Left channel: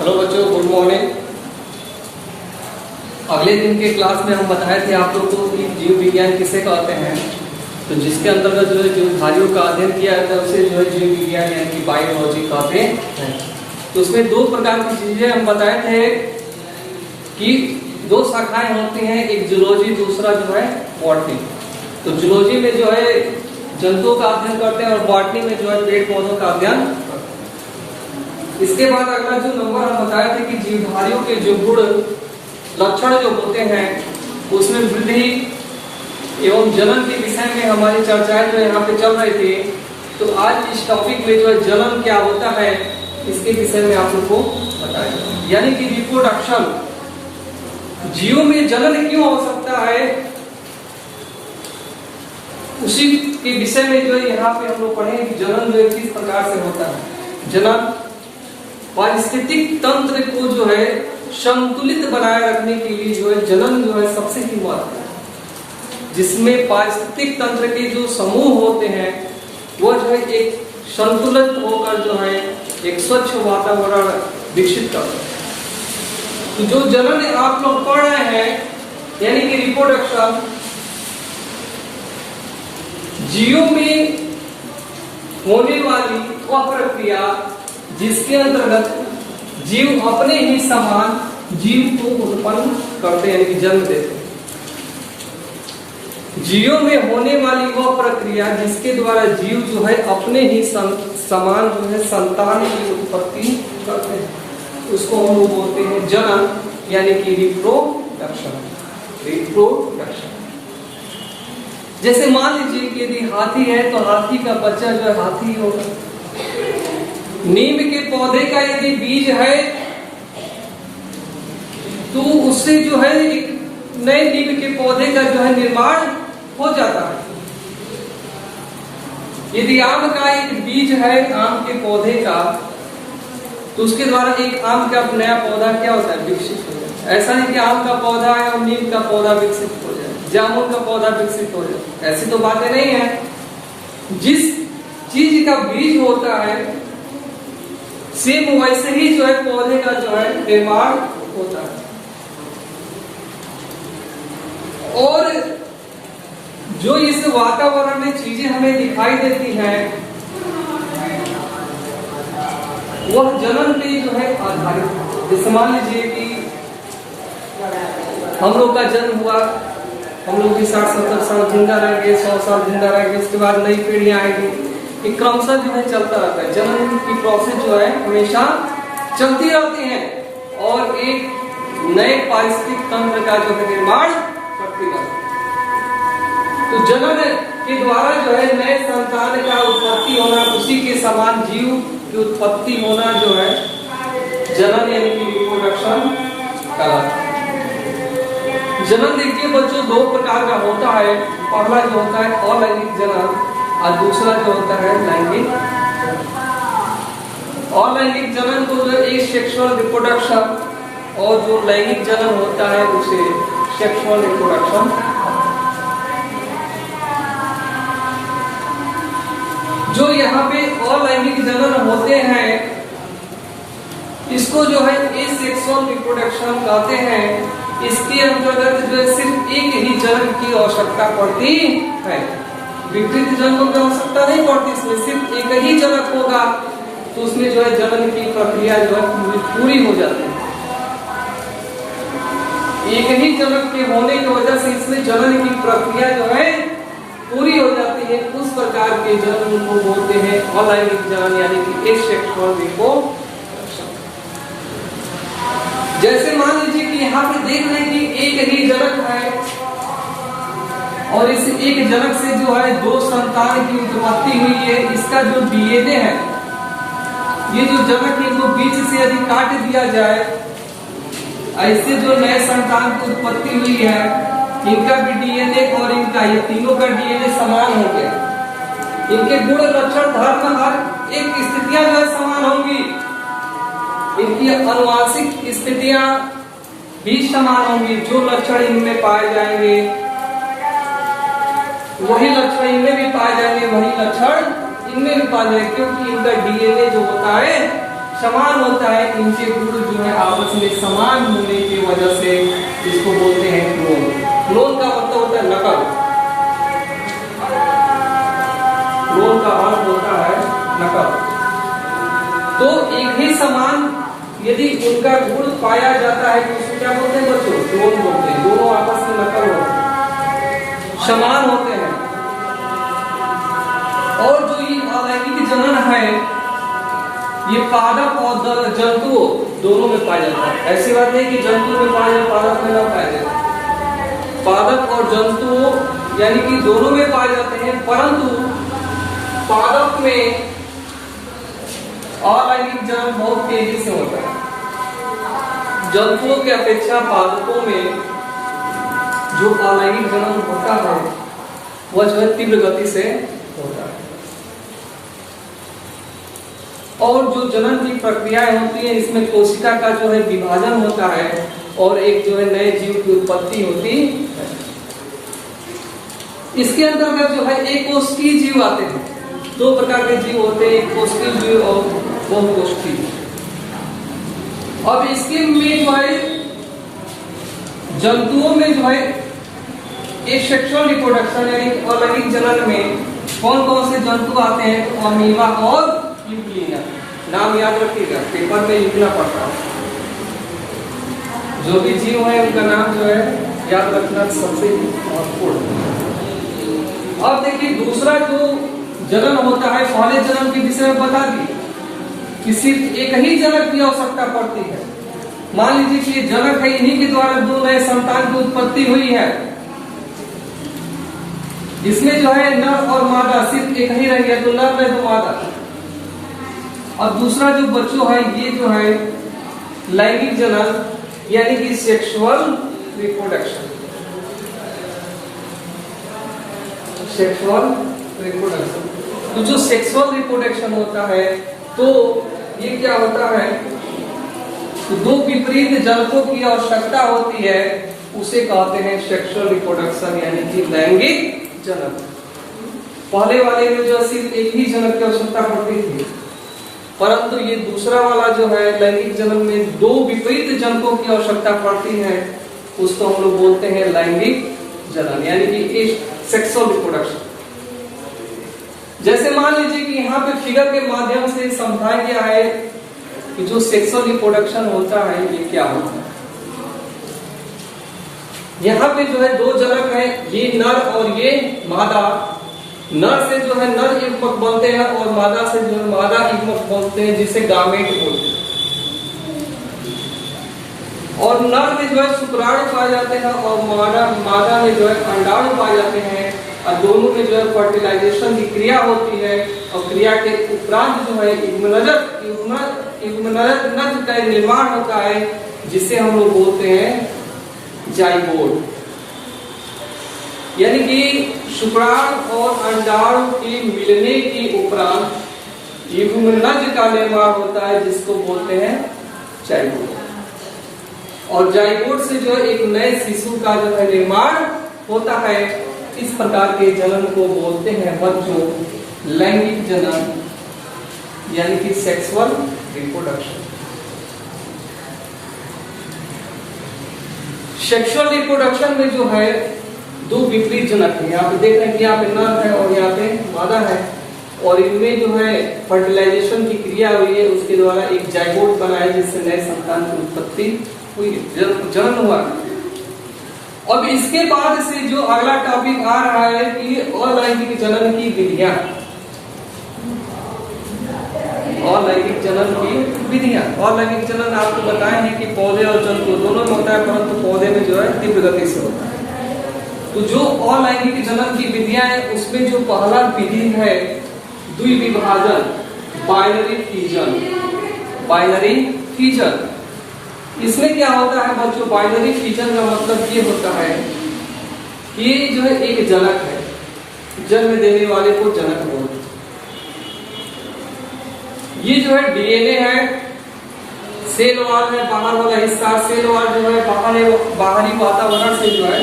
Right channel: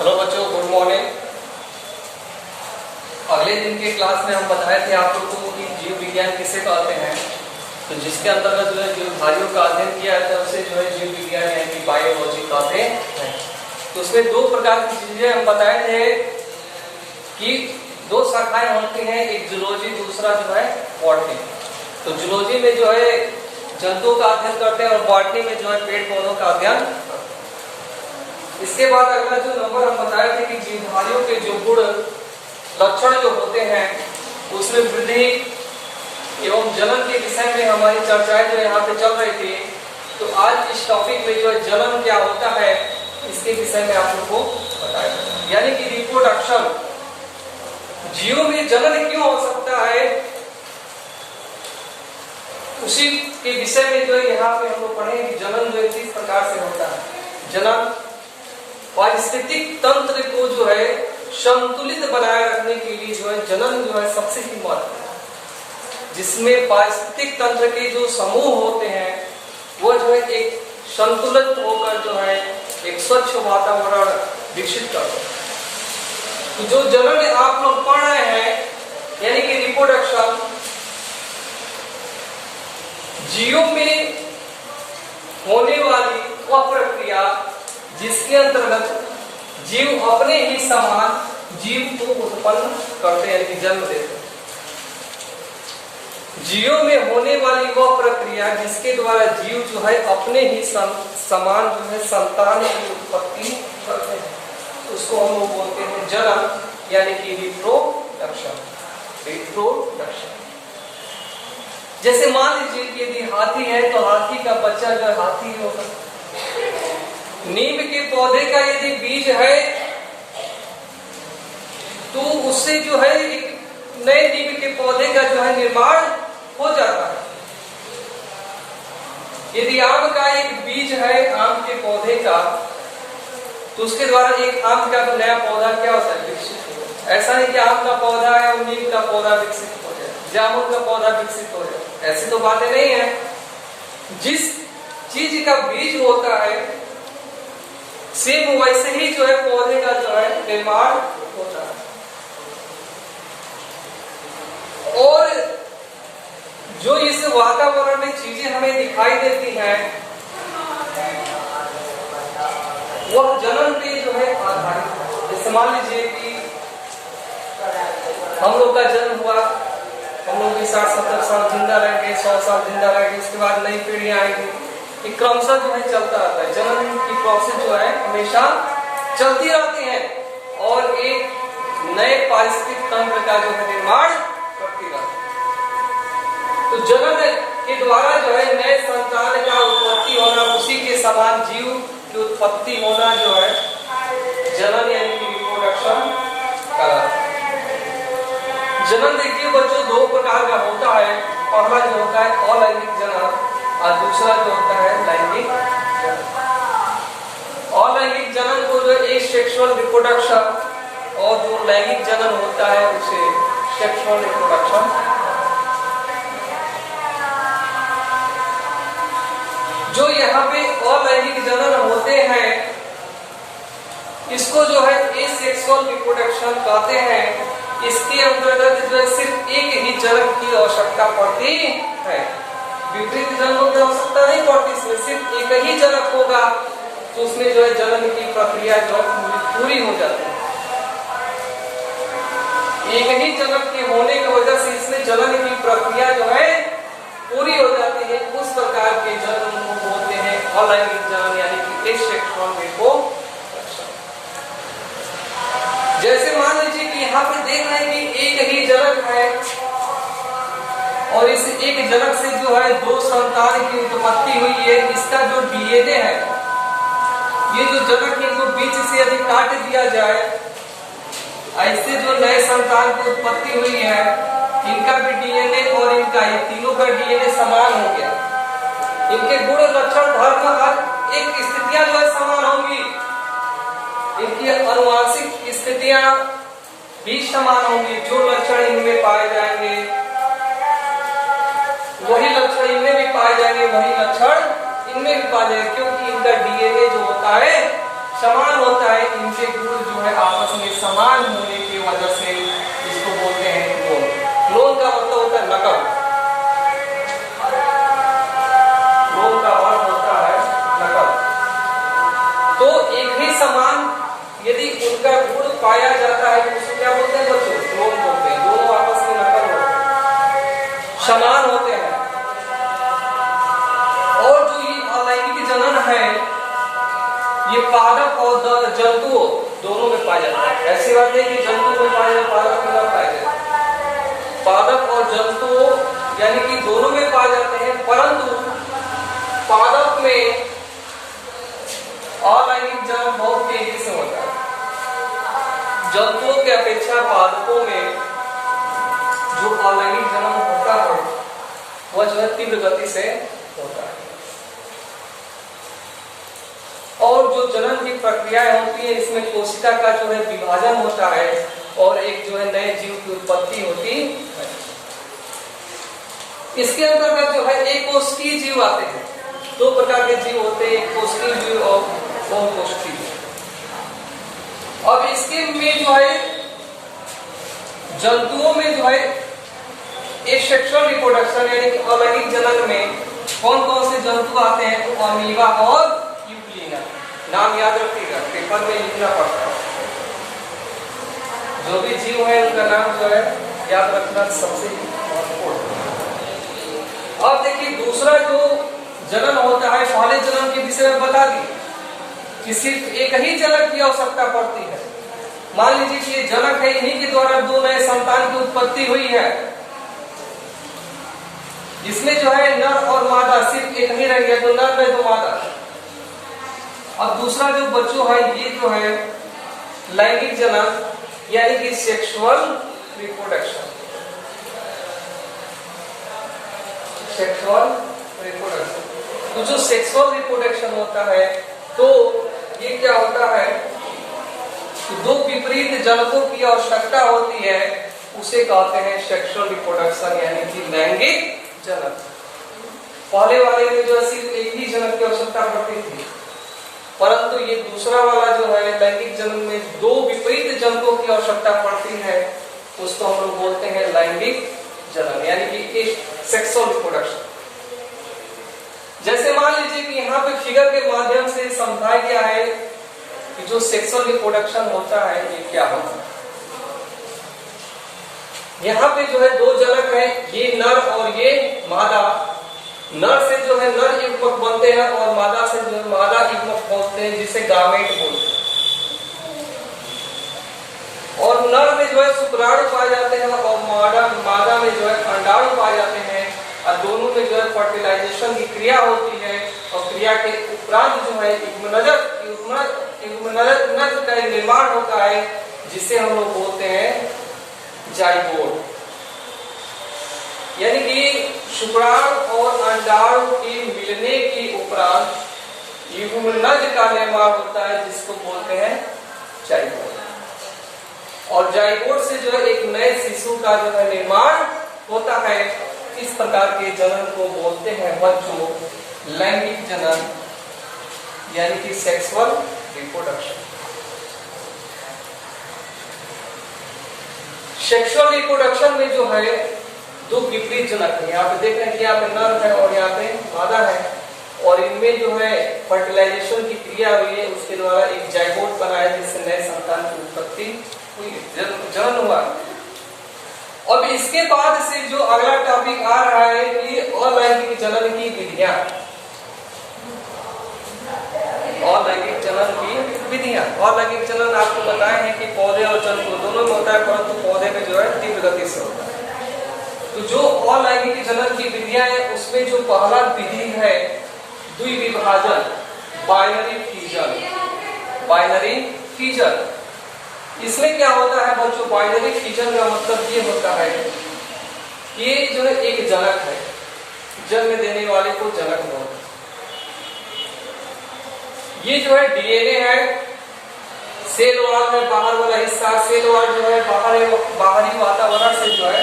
Hello बच्चों, good morning. अगले दिन के क्लास में हम बताए थे आप लोग को कि जीव विज्ञान किसे कहते हैं। तो जिसके अंतर्गत जो है जीवधारियों का अध्ययन किया जाता है उसे जो है जीव विज्ञान यानी कि बायोलॉजी कहते हैं। तो उसमें दो प्रकार की चीजें हम बताए थे कि दो शाखाएं होती हैं, एक जूलॉजी, दूसरा जो है बॉटनी। तो जूलॉजी में जो है जंतुओं का अध्ययन करते हैं और बॉटनी में जो है पेड़ पौधों का अध्ययन करते हैं। इसके बाद अगला जो नंबर हम बताए थे कि जीवधारियों के जो गुण लक्षण जो होते हैं उसमें वृद्धि एवं जनन के विषय में हमारी चर्चाएं जो यहाँ पे चल रही थी। तो आज इस टॉपिक में जो है जनन क्या होता है इसके विषय में आप लोग को बताया, यानी कि रिप्रोडक्शन, जीवों में जनन क्यों हो सकता है उसी के विषय में जो है यहाँ पे हम लोग पढ़ेंगे कि जनन जो है किस प्रकार से होता है। जनन पारिस्थितिक तंत्र को जो है संतुलित बनाए रखने के लिए जो है जनन जो है सबसे ही महत्वपूर्ण है, जिसमें पारिस्थितिक तंत्र के जो समूह होते हैं वो जो है एक संतुलित होकर जो है एक स्वच्छ वातावरण विकसित करते हैं। तो जो जनन आप लोग पढ़ रहे हैं यानी कि रिप्रोडक्शन, जीवों में होने वाली वह प्रक्रिया जिसके अंतर्गत जीव अपने ही समान जीव को उत्पन्न करते हैं यानी कि जन्म देते हैं। जीवों में होने वाली वह प्रक्रिया जिसके द्वारा जीव जो है अपने ही समान जो है संतान की उत्पत्ति करते हैं, उसको हम लोग बोलते हैं जनन यानी कि रिप्रोडक्शन। रिप्रोडक्शन जैसे मान लीजिए कि यदि हाथी है तो हाथी का बच्चा जो है हाथी होगा। नीम के पौधे का यदि बीज है तो उससे जो है एक नए नीम के पौधे का जो है निर्माण हो जाता है। यदि आम का एक बीज है आम के पौधे का तो उसके द्वारा एक आम का नया पौधा क्या होता है, विकसित हो जाता है। ऐसा नहीं कि आम का पौधा है और नीम का पौधा विकसित हो जाए, जामुन का पौधा विकसित हो जाए, ऐसी तो बातें नहीं है। जिस चीज का बीज होता है सेम वैसे ही जो है पौधे का जो है निर्माण होता है। और जो इस वातावरण में चीजें हमें दिखाई देती हैं वह जनन पे जो है आधारित है। जैसे मान लीजिए कि हम लोग का जन्म हुआ, हम लोग भी 60-70 साल जिंदा रहेंगे, 100 साल जिंदा रहेंगे, उसके बाद नई पीढ़ियां आएंगी, एक क्रमशः जो है चलता रहता है। जनन की प्रोसेस जो है हमेशा चलती रहती है और एक नए पारिस्थितिक तंत्र का जो है निर्माण करती रहती है। तो जनन के द्वारा जो है नए संतान का उत्पत्ति होना, उसी के समान जीव की उत्पत्ति होना जो है जनन यानी कि रिप्रोडक्शन कहलाता है। जनन देखिए बच्चों दो प्रकार का होता है। पहला जो होता है अलैंगिक जनन और दूसरा जो होता है लैंगिक जनन। अलैंगिक जनन को जो है सेक्सुअल रिप्रोडक्शन और जो लैंगिक जनन होता है उसे सेक्सुअल रिप्रोडक्शन। जो यहाँ पे अलैंगिक जनन होते हैं इसको जो है एसेक्सुअल रिप्रोडक्शन कहते हैं। इसके अंतर्गत जो है सिर्फ एक ही जनन की आवश्यकता पड़ती है, विपरीत जनन की आवश्यकता नहीं पड़ती। इसमें सिर्फ एक ही जनक होगा तो उसमें जो है जनन की प्रक्रिया जो है पूरी हो जाती है। एक ही जनक के होने की वजह से इसमें जनन की प्रक्रिया जो है पूरी हो जाती है। उस प्रकार के जनन को बोलते हैं अलैंगिक जनन यानी कि एसेक्सुअल रिप्रोडक्शन। जैसे मान लीजिए कि यहाँ पे देख रहे हैं कि एक ही जनक है और इस एक जनक से जो है दो संतान की उत्पत्ति हुई है। इसका जो डीएनए है, ये जो जनक है इनको बीच से यदि काट दिया जाए, ऐसे जो नए संतान की उत्पत्ति हुई है इनका भी डीएनए और इनका ये तीनों का डीएनए समान हो गया। इनके गुण लक्षण धर्म हर एक स्थितियां जो है समान होंगी, इनकी अनुवांशिक स्थितियां भी समान होंगी। जो लक्षण इनमें पाए जाएंगे वही लक्षण इनमें भी पाए जाएंगे, वही लक्षण इनमें भी पाए जाएंगे, क्योंकि इनका डीएनए जो होता है समान होता है, इनके गुण जो है आपस में समान होने की वजह से इसको बोलते हैं क्लोन। क्लोन का मतलब होता है नकल, क्लोन का अर्थ होता है नकल। तो एक ही समान यदि उनका गुण पाया जाता है तो उसको क्या बोलते हैं बच्चों? क्लोन बोलते हैं। दोनों आपस में नकल होते हैं, समान होते हैं। और जो ये अलैंगिक जनन है ये पादप और जंतुओं दोनों में पाया जाता है। ऐसी बात नहीं कि जंतु में पाया जाए पादप में ना पाया जाए, पादप और जंतुओं यानी कि दोनों में पाए जाते हैं, परंतु पादप में अलैंगिक जनन बहुत तेजी से होता है। जंतुओं की अपेक्षा पादपों में जो अलैंगिक जनन होता है वह जो है तीव्र गति से होता है। और जो जनन की प्रक्रियाएं होती है इसमें कोशिका का जो है विभाजन होता है और एक जो है नए जीव की उत्पत्ति होती है। इसके अंतर्गत जो है एक कोशिकीय जीव आते हैं। दो प्रकार के जीव होते हैं, एक कोशिकीय जीव और बहुकोशिकीय। अब इसके में जो है जंतुओं में जो है एक सेक्सुअल रिप्रोडक्शन यानी अलैंगिक जनन में कौन कौन से जंतु आते हैं? तो अमीबा और यूग्लिना। नाम याद रखिएगा, पेपर में लिखना पड़ता है। जो भी जीव है उनका नाम जो है याद रखना सबसे महत्वपूर्ण। अब देखिए दूसरा जो जनन होता है, पहले जनन के विषय में बता दी कि सिर्फ एक ही जनक की आवश्यकता पड़ती है। मान लीजिए कि ये जनक है, इन्हीं के द्वारा दो नए संतान की उत्पत्ति हुई है। इसमें जो है नर और मादा सिर्फ एक ही रह गया, तो नर है तो मादा। और दूसरा जो बच्चों है ये जो है लैंगिक जनन यानी कि सेक्सुअल रिप्रोडक्शन। सेक्सुअल रिप्रोडक्शन, तो जो सेक्सुअल रिप्रोडक्शन होता है तो ये क्या होता है? तो दो विपरीत जनकों की आवश्यकता होती है, उसे कहते हैं सेक्सुअल रिप्रोडक्शन यानी कि लैंगिक जनन। पहले वाले में जो सिर्फ एक ही जनक की आवश्यकता पड़ती थी, परंतु ये दूसरा वाला जो है लैंगिक जनन में दो विपरीत जनकों की आवश्यकता पड़ती है, उसको हम लोग बोलते हैं लैंगिक जनन यानी कि सेक्सुअल रिप्रोडक्शन। जैसे मान लीजिए कि यहाँ पे फिगर के माध्यम से समझाया गया है कि जो सेक्सुअल रिप्रोडक्शन होता है ये क्या होता है। यहाँ पे जो है दो जनक हैं, ये नर और ये मादा। नर से जो है नर युग्मक बनते हैं और मादा से जो है मादा युग्मक बनते हैं, जिसे गामेट बोलते हैं। और नर में जो है शुक्राणु पाए जाते हैं और मादा में जो है अंडाणु पाए जाते हैं। और दोनों में जो है फर्टिलाइजेशन की क्रिया होती है और क्रिया के उपरांत जो है युग्मनज का निर्माण होता है, जिसे हम लोग बोलते हैं जाइगोट। यानी कि शुक्राणु और अंडाणु के मिलने के उपरांत युग्मनज का निर्माण होता है, जिसको बोलते हैं जाइगोट। और जाइगोट से जो है एक नए शिशु का जो है निर्माण होता है। इस प्रकार के जनन को बोलते हैं बच्चों लैंगिक जनन यानी कि सेक्सुअल रिप्रोडक्शन। सेक्सुअल रिप्रोडक्शन में जो है दो विपरीत जनक है। यहाँ पे देख रहे हैं कि यहाँ पे नर है और यहाँ पे मादा है, और इनमें जो है फर्टिलाइजेशन की क्रिया हुई है, उसके द्वारा एक जाइगोट बना है, जिससे नए संतान की उत्पत्ति हुई, जनन हुआ। अब इसके बाद से जो अगला टॉपिक आ रहा है कि अलैंगिक जनन की विधियां। अलैंगिक जनन की विधियां, अलैंगिक जनन आपको बताए हैं कि पौधे और जंतु दोनों में होता है, परंतु पौधे में जो है तीव्र गति से होता है। तो जो अलैंगिक जनन की विधियां है उसमें जो पहला विधि है द्विविभाजन, बाइनरी फिजन। बाइनरी फिजन, इसमें क्या होता है बच्चों? बाइनरी फिजन का मतलब ये होता है कि जो है एक जनक है, जन्म देने वाले को जनक बोलते हैं। ये जो है डीएनए है, सेल वॉल है, बाहर वाला हिस्सा। सेल वॉल जो है बाहरी वातावरण से जो है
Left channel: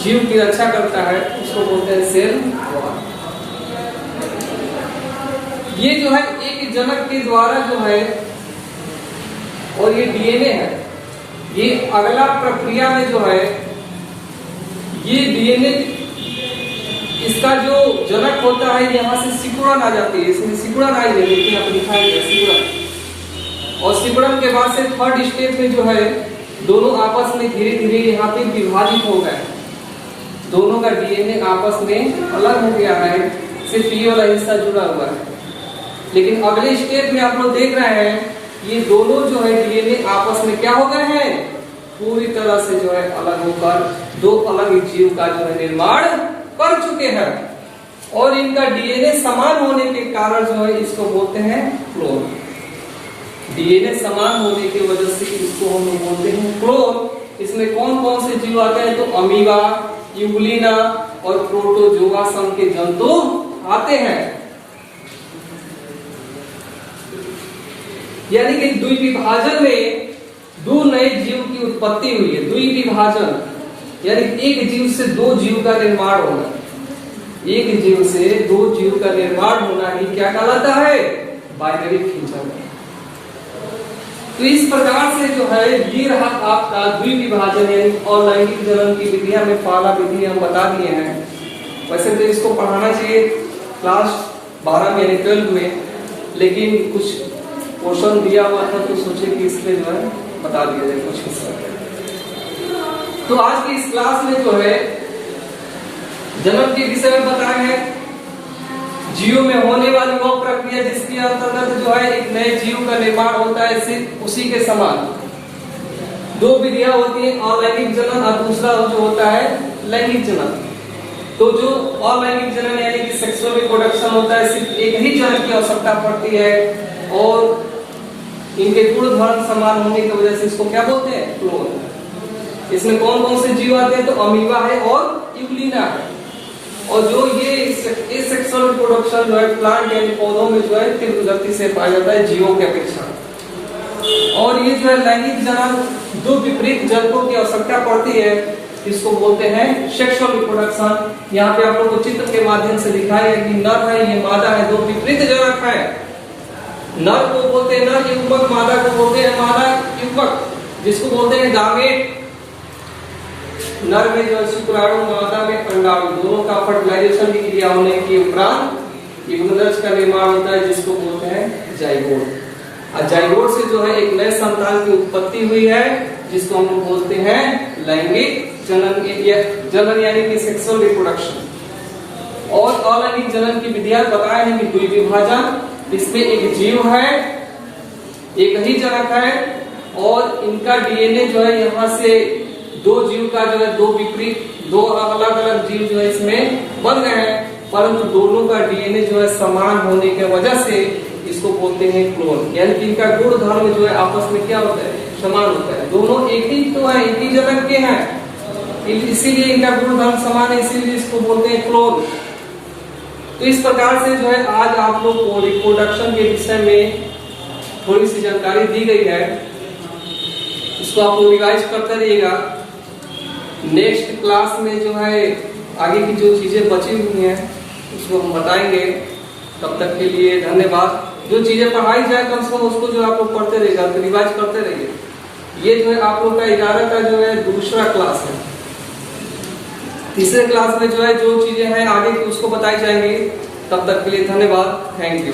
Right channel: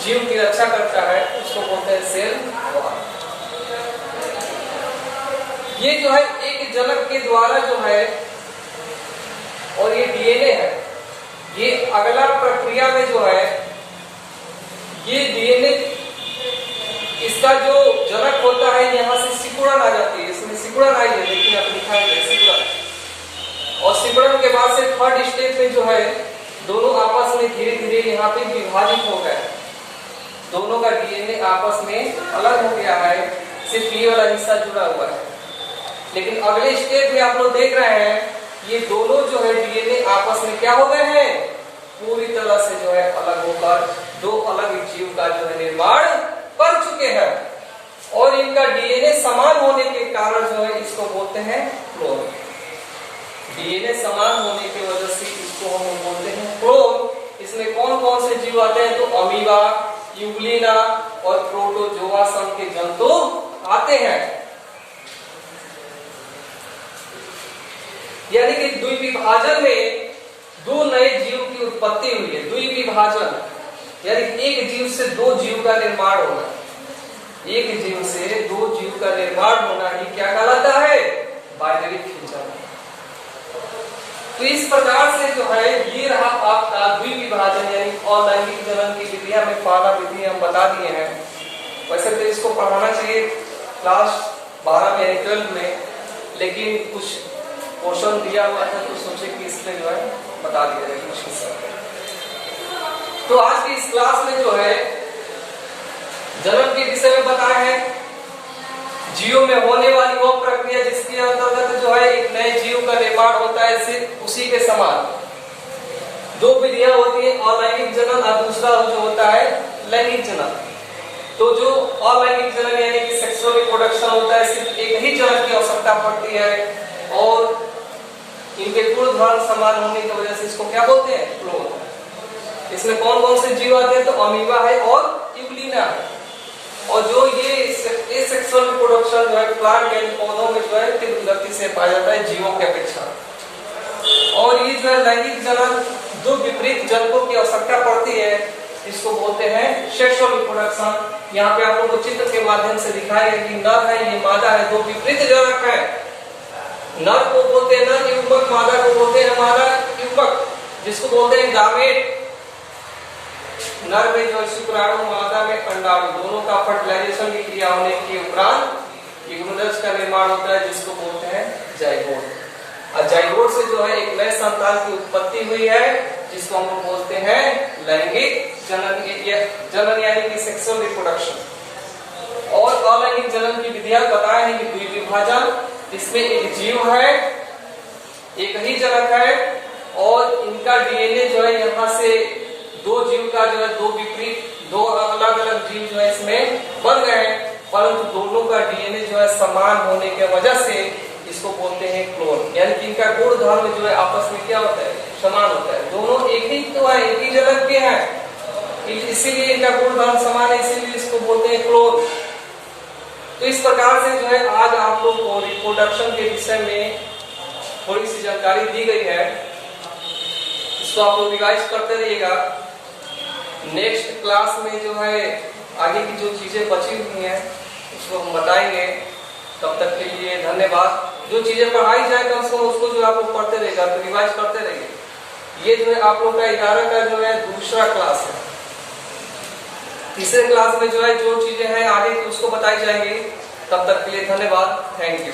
जीव की रक्षा करता है, इसको बोलते हैं सेल वॉल। ये जो है एक जनक के द्वारा जो है, और ये डीएनए है, ये अगला प्रक्रिया में जो है ये डीएनए इसका जो जनक होता है यहाँ से सिकुड़न आ जाती है, इसमें सिकुड़न आई है, देखिए आप लिखा है सिकुड़न। और सिकुड़न के बाद से थर्ड स्टेप में जो है दोनों आपस में धीरे धीरे यहाँ पे विभाजित हो गए, दोनों का डीएनए आपस में अलग हो गया है, सिर्फ ये वाला हिस्सा जुड़ा हुआ है। लेकिन अगले स्टेप में आप लोग देख रहे हैं ये दोनों जो है डीएनए आपस में क्या हो गए हैं, पूरी तरह से जो है अलग होकर दो अलग जीव का जो है निर्माण कर चुके हैं। और इनका डीएनए समान होने के कारण जो है इसको बोलते हैं क्लोन। डीएनए समान होने की वजह से इसको हम बोलते हैं क्लोन। इसमें कौन कौन से जीव आते हैं, तो अमीबा, यूग्लिना और प्रोटोजोआ सम के जंतु आते हैं। यानी कि द्विविभाजन में दो नए जीव की उत्पत्ति हुई है। द्विविभाजन यानी एक जीव से दो जीव का निर्माण होना, एक जीव से दो जीव का निर्माण होना ही क्या कहलाता है, बाइनरी फ्यूजन। तो इस प्रकार से जो है ये रहा आपका द्विविभाजन यानी अलैंगिक जनन की विधियां में पहला विधि हम बता दिए हैं। वैसे तो इसको पढ़ाना चाहिए क्लास 12 में यानी 12 में, लेकिन कुछ पोर्शन दिया हुआ था तो सोचे कि इसमें जो है बता दिया जाए कुछ हिस्सा। तो आज की इस क्लास में जो है जनन के विषय में बताए हैं, जीवों में होने वाली वो प्रक्रिया जिसके अंतर्गत जो है एक नए जीव का निर्माण होता है, सिर्फ उसी के समान दो विधियां होती हैं, अलैंगिक जनन और दूसरा जो होता है लैंगिक जनन। तो जो अलैंगिक जनन यानी कि सेक्सुअल रिप्रोडक्शन होता है, सिर्फ एक ही जनन की आवश्यकता पड़ती है और इनके गुण धर्म समान होने की वजह से इसको क्या बोलते हैं, क्लोन। इसमें कौन कौन से जीव आते हैं, तो अमीबा है और यूग्लिना है। और जो ये सेक्सुअल रिप्रोडक्शन जो है प्लांट यानी पौधों में जो है तीव्र गति से पाया जाता है जीवों के अपेक्षा। और ये जो है लैंगिक जनन दो विपरीत जनकों की आवश्यकता पड़ती है, इसको बोलते हैं सेक्सुअल रिप्रोडक्शन। यहाँ पे आप लोग को चित्र के माध्यम से दिखाया कि नर है, ये मादा है, दो विपरीत जनक है। नर को बोलते हैं नर युग्मक, मादा को बोलते हैं मादा युग्मक, जिसको बोलते हैं गामेट। नर में जो है शुक्राणु, मादा में अंडाणु, दोनों का फर्टिलाइजेशन की क्रिया होने के उपरांत युग्मनज का निर्माण होता है, जिसको बोलते हैं जाइगोट। और जाइगोट से जो है एक नए संतान की उत्पत्ति हुई है, जिसको हम बोलते हैं लैंगिक जनन यानी कि सेक्सुअल रिप्रोडक्शन। और अलैंगिक जनन की विधियां बताए हैं कि द्विविभाजन, इसमें एक जीव है, एक ही जनक है और इनका डीएनए जो है यहाँ से दो जीव का जो है दो विपरीत दो अलग अलग जीव जो है इसमें बन गए हैं, परंतु दोनों का डीएनए जो है समान होने की वजह से इसको बोलते हैं क्लोन। यानी कि इनका गुण धर्म जो है आपस में क्या होता है, समान होता है। दोनों एक ही तो है, एक ही जनक के हैं, इसीलिए इनका गुण धर्म समान है, इसीलिए इसको बोलते हैं क्लोन। तो इस प्रकार से जो है आज आप लोग को रिप्रोडक्शन के विषय में थोड़ी सी जानकारी दी गई है, इसको आप लोग रिवाइज करते रहिएगा। नेक्स्ट क्लास में जो है आगे की जो चीजें बची हुई हैं उसको हम बताएंगे। तब तक के लिए धन्यवाद। जो चीजें पढ़ाई जाए कम से कम उसको जो आप लोग पढ़ते रहिएगा, तो रिवाइज करते रहिए। ये जो है आप लोग का 11 का जो है दूसरा क्लास है। तीसरे क्लास में जो है जो चीजें हैं आगे उसको बताई जाएंगी। तब तक के लिए धन्यवाद, थैंक यू।